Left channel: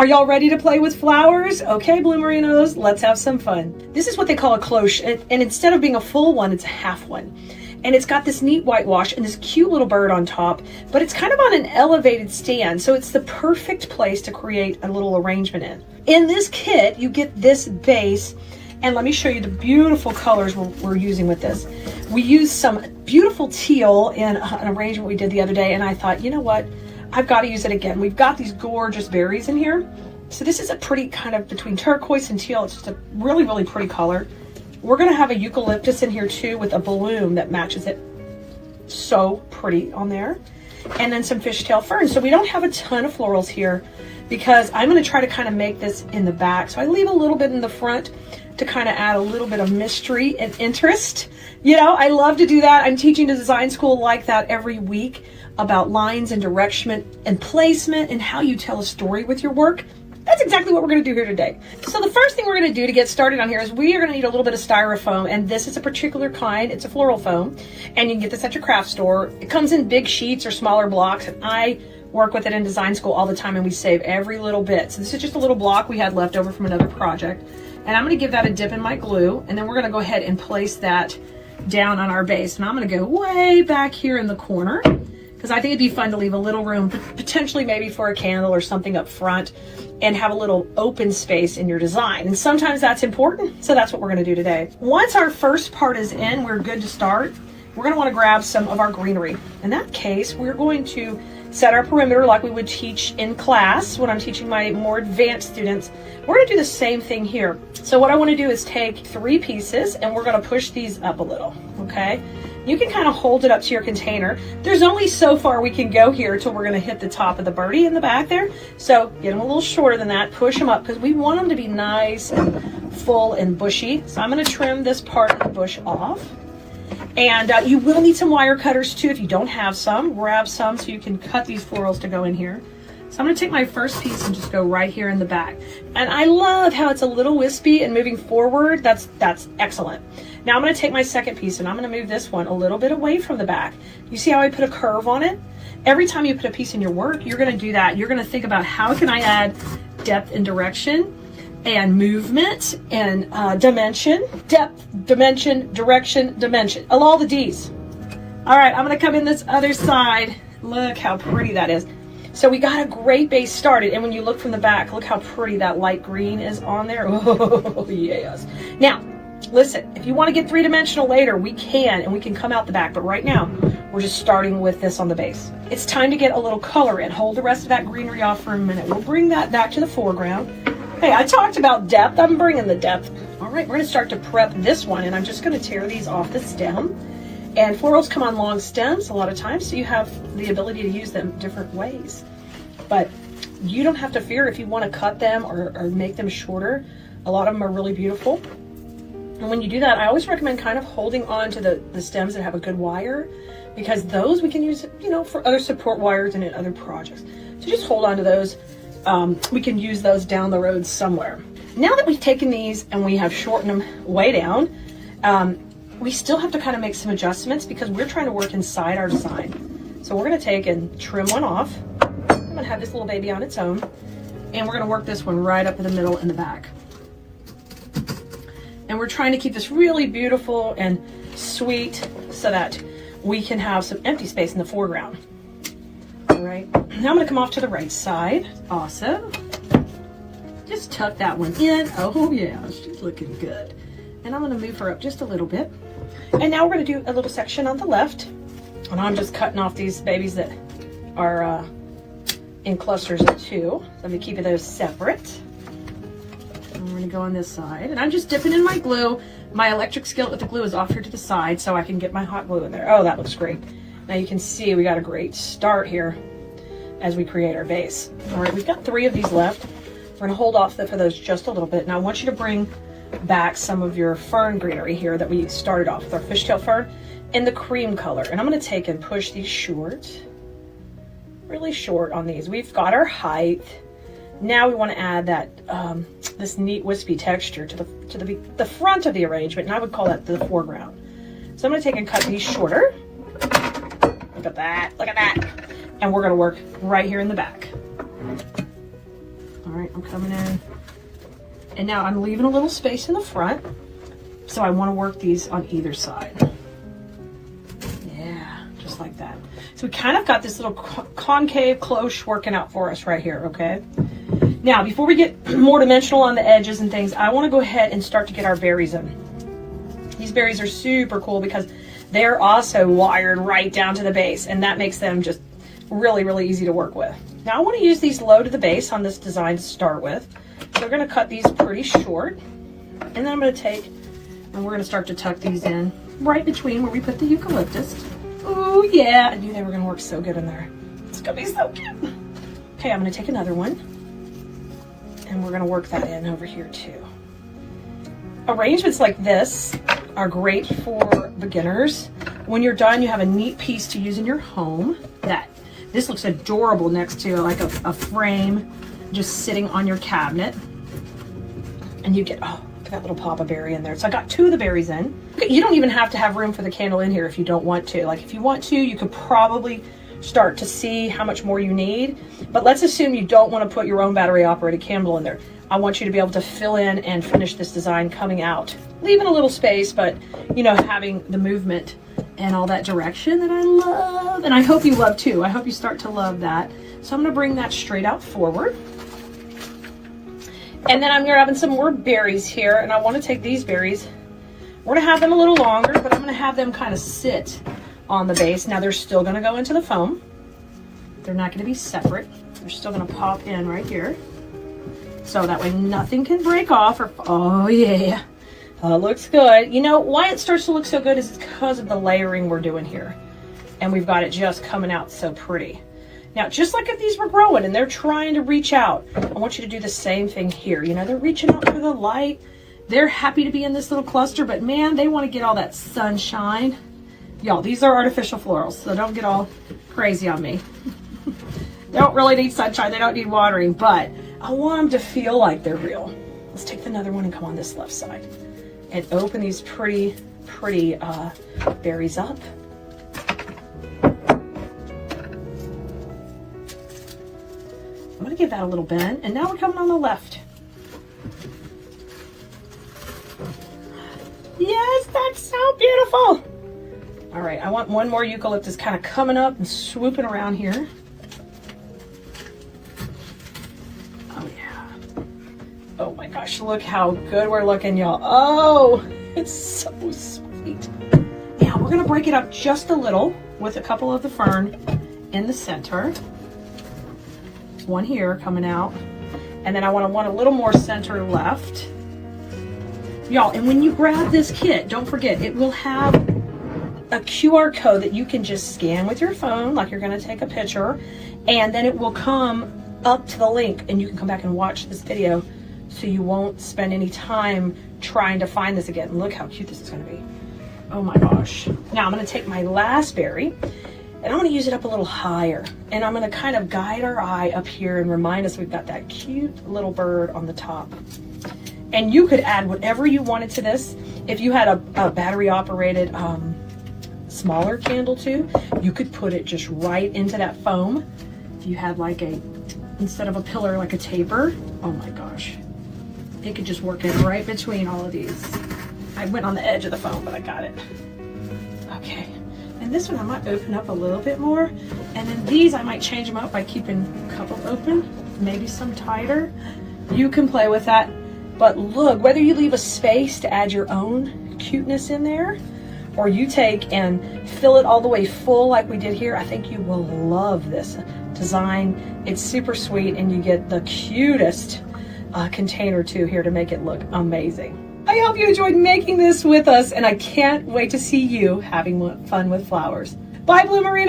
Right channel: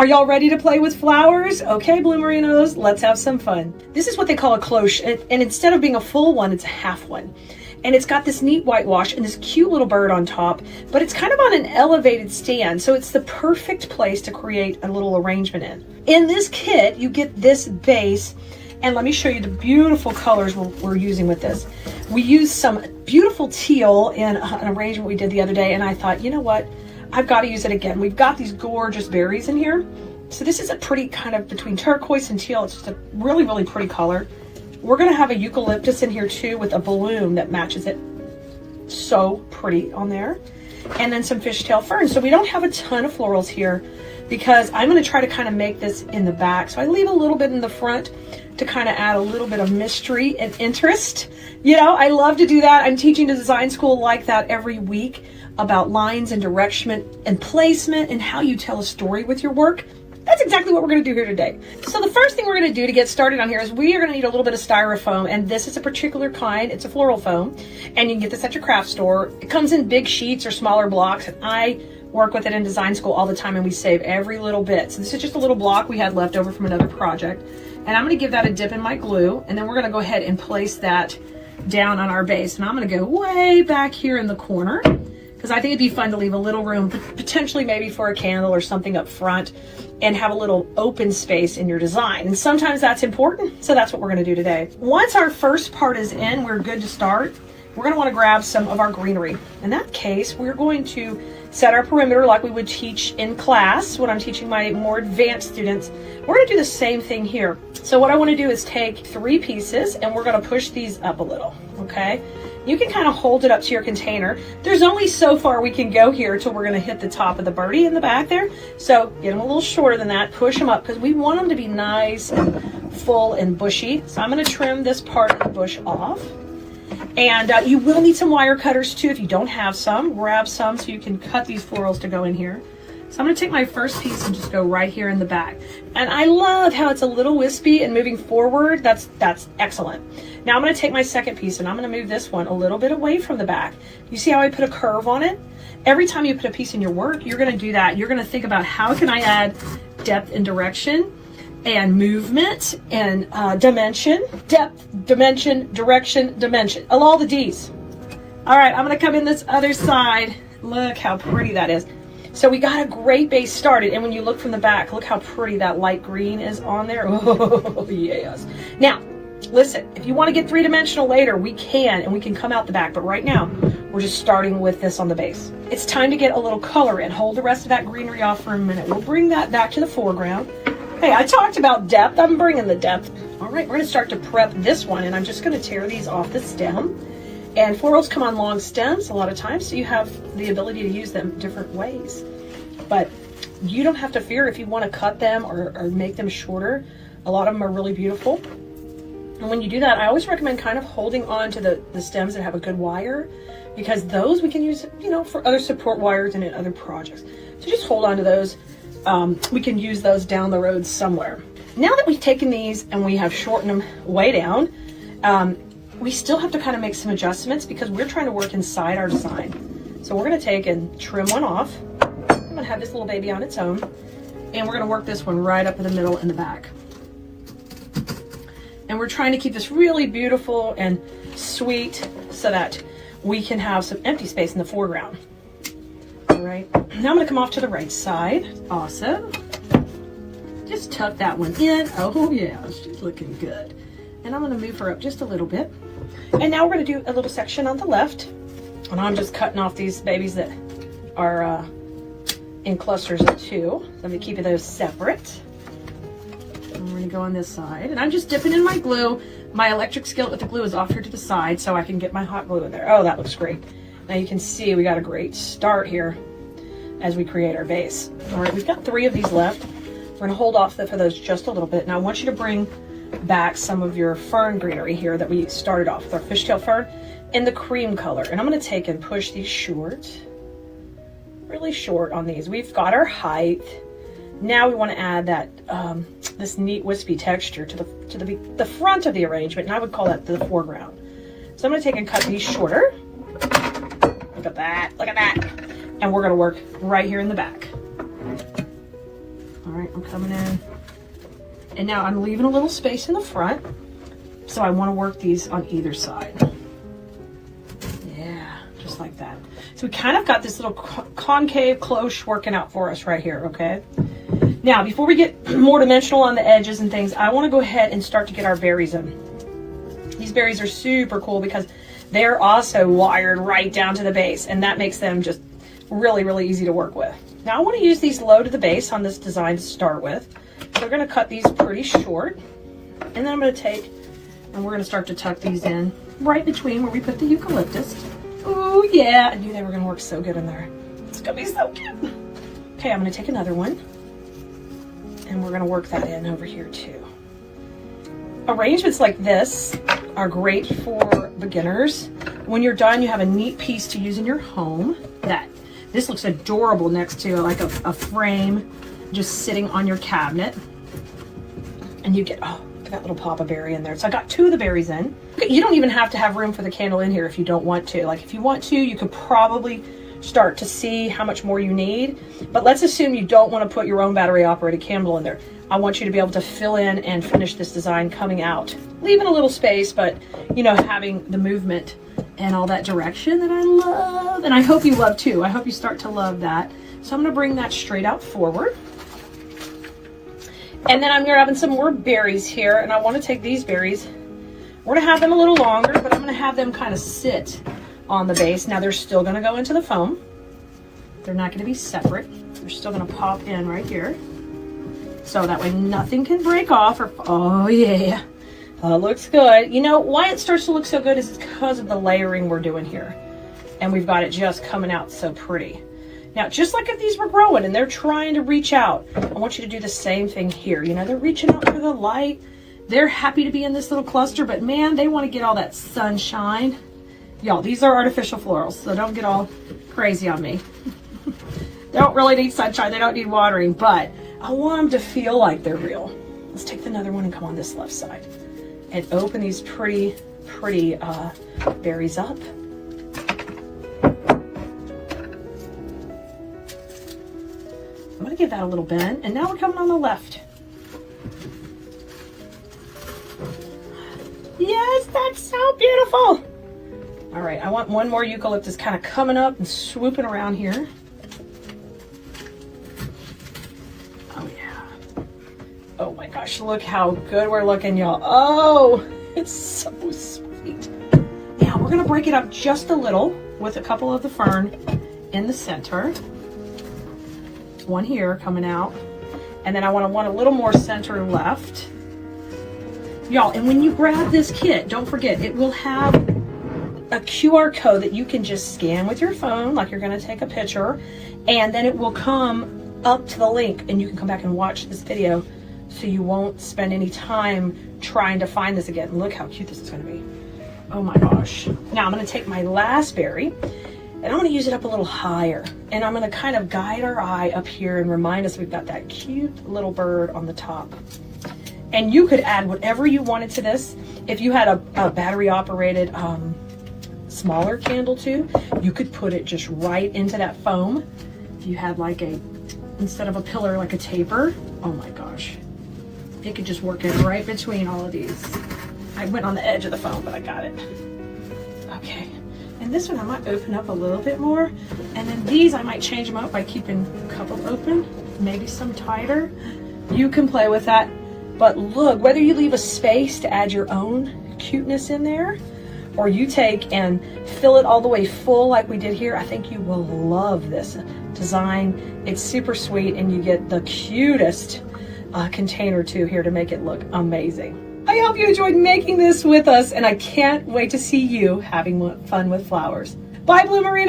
Are y'all ready to play with flowers? Okay, Bloomerinos, let's have some fun. This is what they call a cloche, and instead of being a full one, it's a half one. And it's got this neat whitewash and this cute little bird on top, but it's kind of on an elevated stand, so it's the perfect place to create a little arrangement in. In this kit, you get this base, and let me show you the beautiful colors we're using with this. We used some beautiful teal in an arrangement we did the other day, and I thought, you know what? I've got to use it again. We've got these gorgeous berries in here. So this is a pretty kind of between turquoise and teal. It's just a really, really pretty color. We're going to have a eucalyptus in here too with a bloom that matches it. So pretty on there. And then some fishtail fern. So we don't have a ton of florals here because I'm going to try to kind of make this in the back. So I leave a little bit in the front to kind of add a little bit of mystery and interest. You know, I love to do that. I'm teaching a design school like that every week about lines and direction and placement and how you tell a story with your work. That's exactly what we're going to do here today. So the first thing we're going to do to get started on here is we are going to need a little bit of styrofoam, and this is a particular kind. It's a floral foam, and you can get this at your craft store. It comes in big sheets or smaller blocks, and I work with it in design school all the time, and we save every little bit. So this is just a little block we had left over from another project, and I'm going to give that a dip in my glue, and then we're going to go ahead and place that down on our base. And I'm going to go way back here in the corner, because I think it'd be fun to leave a little room, potentially maybe for a candle or something up front, and have a little open space in your design. And sometimes that's important, so that's what we're going to do today. Once our first part is in, we're good to start. We're going to want to grab some of our greenery. In that case, we're going to set our perimeter like we would teach in class when I'm teaching my more advanced students. We're going to do the same thing here. So what I want to do is take 3 pieces, and we're going to push these up a little, okay? You can kind of hold it up to your container. There's only so far we can go here till we're going to hit the top of the birdie in the back there. So get them a little shorter than that. Push them up because we want them to be nice and full and bushy. So I'm going to trim this part of the bush off. And you will need some wire cutters too if you don't have some. Grab some so you can cut these florals to go in here. So I'm going to take my first piece and just go right here in the back. And I love how it's a little wispy and moving forward. That's excellent. Now I'm going to take my second piece and I'm going to move this one a little bit away from the back. You see how I put a curve on it? Every time you put a piece in your work, you're going to do that. You're going to think about how can I add depth and direction and movement and dimension, depth, dimension, direction, dimension. All the D's. All right, I'm going to come in this other side. Look how pretty that is. So we got a great base started, and when you look from the back, look how pretty that light green is on there. Oh, yes. Now, listen, if you want to get 3-dimensional later, we can, and we can come out the back, but right now, we're just starting with this on the base. It's time to get a little color in. Hold the rest of that greenery off for a minute. We'll bring that back to the foreground. Hey, I talked about depth. I'm bringing the depth. All right, we're going to start to prep this one, and I'm just going to tear these off the stem. And florals come on long stems a lot of times, so you have the ability to use them different ways. But you don't have to fear if you want to cut them or make them shorter. A lot of them are really beautiful. And when you do that, I always recommend kind of holding on to the stems that have a good wire, because those we can use, you know, for other support wires and in other projects. So just hold on to those. We can use those down the road somewhere. Now that we've taken these and we have shortened them way down, we still have to kind of make some adjustments because we're trying to work inside our design. So we're going to take and trim one off. I'm going to have this little baby on its own, and we're going to work this one right up in the middle in the back. And we're trying to keep this really beautiful and sweet so that we can have some empty space in the foreground. All right, now I'm going to come off to the right side. Awesome. Just tuck that one in. Oh yeah, she's looking good. And I'm going to move her up just a little bit. And now we're going to do a little section on the left. And I'm just cutting off these babies that are in clusters of 2. Let me keep those separate. And we're going to go on this side. And I'm just dipping in my glue. My electric skillet with the glue is off here to the side so I can get my hot glue in there. Oh, that looks great. Now you can see we got a great start here as we create our base. All right, we've got 3 of these left. We're going to hold off for those just a little bit. Now I want you to bring back some of your fern greenery here that we started off with, our fishtail fern in the cream color. And I'm going to take and push these short, really short on these. We've got our height. Now we want to add that this neat wispy texture to the front of the arrangement, and I would call that the foreground. So I'm going to take and cut these shorter. Look at that, look at that. And we're going to work right here in the back. All right, I'm coming in. And now I'm leaving a little space in the front. So I want to work these on either side. Yeah, just like that. So we kind of got this little concave cloche working out for us right here, okay? Now, before we get more dimensional on the edges and things, I want to go ahead and start to get our berries in. These berries are super cool because they're also wired right down to the base, and that makes them just really, really easy to work with. Now, I want to use these low to the base on this design to start with. They're going to cut these pretty short, and then I'm going to take, and we're going to start to tuck these in right between where we put the eucalyptus. Oh yeah, I knew they were going to work so good in there. It's going to be so cute. Okay, I'm going to take another one, and we're going to work that in over here too. Arrangements like this are great for beginners. When you're done, you have a neat piece to use in your home. This looks adorable next to like a frame just sitting on your cabinet. And you get, oh, that little pop of berry in there. So I got 2 of the berries in. Okay, you don't even have to have room for the candle in here if you don't want to. Like if you want to, you could probably start to see how much more you need. But let's assume you don't want to put your own battery operated candle in there. I want you to be able to fill in and finish this design coming out. Leaving a little space, but you know, having the movement in all that direction that I love. And I hope you love too. I hope you start to love that. So I'm gonna bring that straight out forward. And then I'm grabbing some more berries here, and I want to take these berries. We're gonna have them a little longer, but I'm gonna have them kind of sit on the base. Now they're still gonna go into the foam. They're not gonna be separate. They're still gonna pop in right here. So that way nothing can break off or, oh yeah, looks good. You know, why it starts to look so good is because of the layering we're doing here. And we've got it just coming out so pretty. Now, just like if these were growing and they're trying to reach out, I want you to do the same thing here. You know, they're reaching out for the light. They're happy to be in this little cluster, but man, they want to get all that sunshine. Y'all, these are artificial florals, so don't get all crazy on me. They don't really need sunshine. They don't need watering, but I want them to feel like they're real. Let's take another one and come on this left side and open these pretty berries up. I'm gonna give that a little bend, and now we're coming on the left. Yes, that's so beautiful. All right, I want one more eucalyptus kind of coming up and swooping around here. Oh yeah. Oh my gosh, look how good we're looking, y'all. Oh, it's so sweet. Now we're gonna break it up just a little with a couple of the fern in the center. One here coming out, and then I want a little more center left. Y'all, and when you grab this kit, don't forget, it will have a QR code that you can just scan with your phone, like you're gonna take a picture, and then it will come up to the link, and you can come back and watch this video, so you won't spend any time trying to find this again. Look how cute this is gonna be. Oh my gosh. Now I'm gonna take my last berry, and I'm gonna use it up a little higher, and I'm gonna kind of guide our eye up here and remind us we've got that cute little bird on the top. And you could add whatever you wanted to this. If you had a battery operated smaller candle too, you could put it just right into that foam. If you had like instead of a pillar, like a taper, oh my gosh. It could just work in right between all of these. I went on the edge of the foam, but I got it. Okay. And this one I might open up a little bit more. And then these I might change them up by keeping a couple open, maybe some tighter. You can play with that. But look, whether you leave a space to add your own cuteness in there, or you take and fill it all the way full like we did here, I think you will love this design. It's super sweet, and you get the cutest container too here to make it look amazing. I hope you enjoyed making this with us, and I can't wait to see you having fun with flowers. Bye, Bloomery.